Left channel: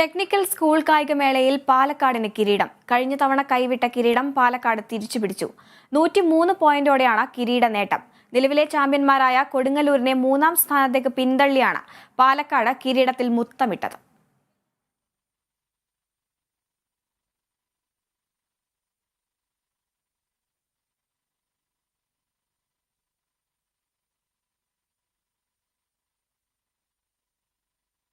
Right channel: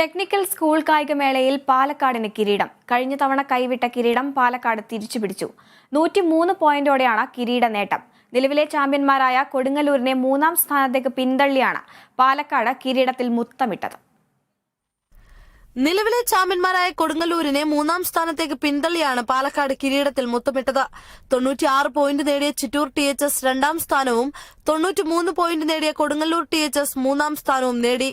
Technical school കായികമേളയിൽ പാലക്കാടിന് കിരീടം. കഴിഞ്ഞ തവണ കൈവിട്ട കിരീടം പാലക്കാട് തിരിച്ചുപിടിച്ചു. 103 പോയിന്റോടെയാണ് കിരീട നേട്ടം. നിലവിലെ ചാമ്പ്യന്മാരായ കൊടുങ്ങല്ലൂരിനെ 3-ാം സ്ഥാനത്തേക്ക് പിന്തള്ളിയാണ് പാലക്കാട് കിരീടത്തിൽ മുത്തമിട്ടത്. നിലവിലെ ചാമ്പ്യന്മാരായ കൊടുങ്ങല്ലൂരിനെ 3-ാം സ്ഥാനത്തേക്ക് പിന്തള്ളിയാണ് പാലക്കാട് കിരീടത്തിൽ മുത്തമിട്ടത്. 96 പോയിന്റ് നേടിയ ചിറ്റൂർ THS 2-ാം സ്ഥാനവും 93 പോയിന്റ് നേടിയ കൊടുങ്ങല്ലൂർ THS 3-ാം സ്ഥാനവും നേടി.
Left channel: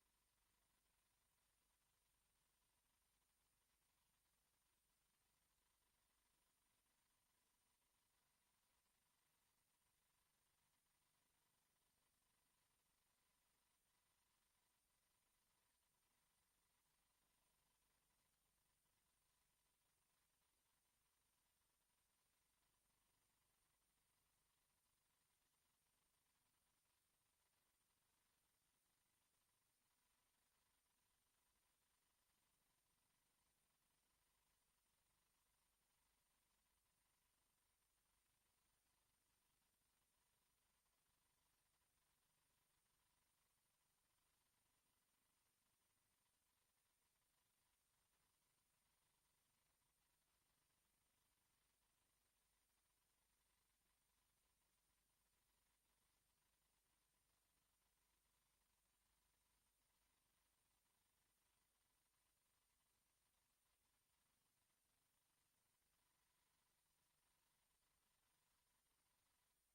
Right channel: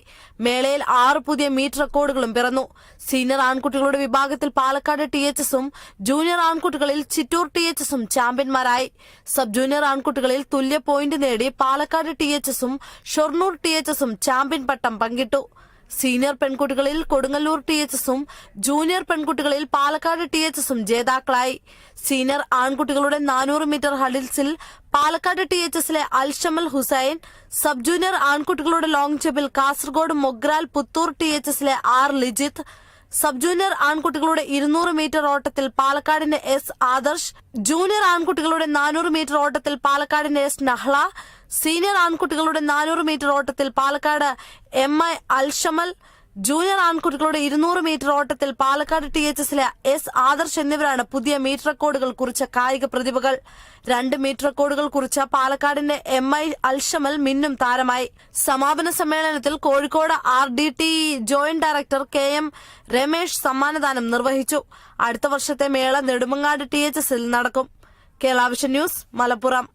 മേളയിൽ 6 പുതിയ മീറ്റ് റെക്കോർഡുകളും പിറന്നു. സീനിയർ ആൺകുട്ടികളുടെ വിഭാഗത്തിൽ പാലക്കാട് THSഉം ജൂനിയർ ആൺകുട്ടികളിൽ ചിറ്റൂർ THSഉം ചാമ്പ്യന്മാരായി. സബ് ജൂനിയർ ആൺകുട്ടികളിൽ തുല്യ പോയിന്റ് നേടി പാലക്കാട് THSഉം ഷൊർണൂർ THSഉം ചാമ്പ്യൻ പട്ടം പങ്കിട്ടു. സീനിയർ പെൺകുട്ടികളിൽ കൊടുങ്ങല്ലൂർ THSഉം ജൂനിയർ പെൺകുട്ടികളിൽ പാലക്കാട് THSഉം ജേതാക്കളായി. സീനിയർ ആൺകുട്ടികളുടെ 400 മീറ്റർ ഹഡിൽസിൽ പാലക്കാട് THSലെ അൽഷമൽ ഹുസൈൻ, സബ് ജൂനിയർ ആൺകുട്ടികളുടെ ലോങ് ജമ്പിൽ കാസർഗോഡ് മൊഗ്രാൽ പുത്തൂർ THSലെ R ലിജിത്ത്, സബ് ജൂനിയർ ആൺകുട്ടികളുടെ 200 മീറ്റർ ഓട്ടത്തിൽ പാലക്കാടിന്റെ S ആദർശ്, ജൂനിയർ ആൺകുട്ടികളുടെ 400 മീറ്റർ ഓട്ടത്തിൽ പാലക്കാടിന്റെ S നഹ്ല, സീനിയർ ആൺകുട്ടികളുടെ 400 മീറ്റർ ഓട്ടത്തിൽ പാലക്കാട് MI അൽഷമൽ, ജൂനിയർ ആൺകുട്ടികളുടെ 200 മീറ്റർ ഓട്ടത്തിൽ പാലക്കാട് THSലെ S ആദർശ് എന്നിവരാണ് പുതിയ മീറ്റർ റെക്കോർഡുകൾ കുറിച്ച കായിക പ്രതിഭകൾ. 2 മീറ്റർ റെക്കോർഡുകൾ കുറിച്ച പാലക്കാടിന്റെ MI അൽഷമൽ മിന്നും താരമായി. സമാപന സമ്മേളനത്തിൽ Kozhikode RDT joint director KM Ramesh സമ്മാനദാനം നിർവഹിച്ചു. അടുത്ത വർഷത്തെ മേള നെടുമങ്ങാട് THSൽ നടക്കും. Kerala vision news, Malappuram.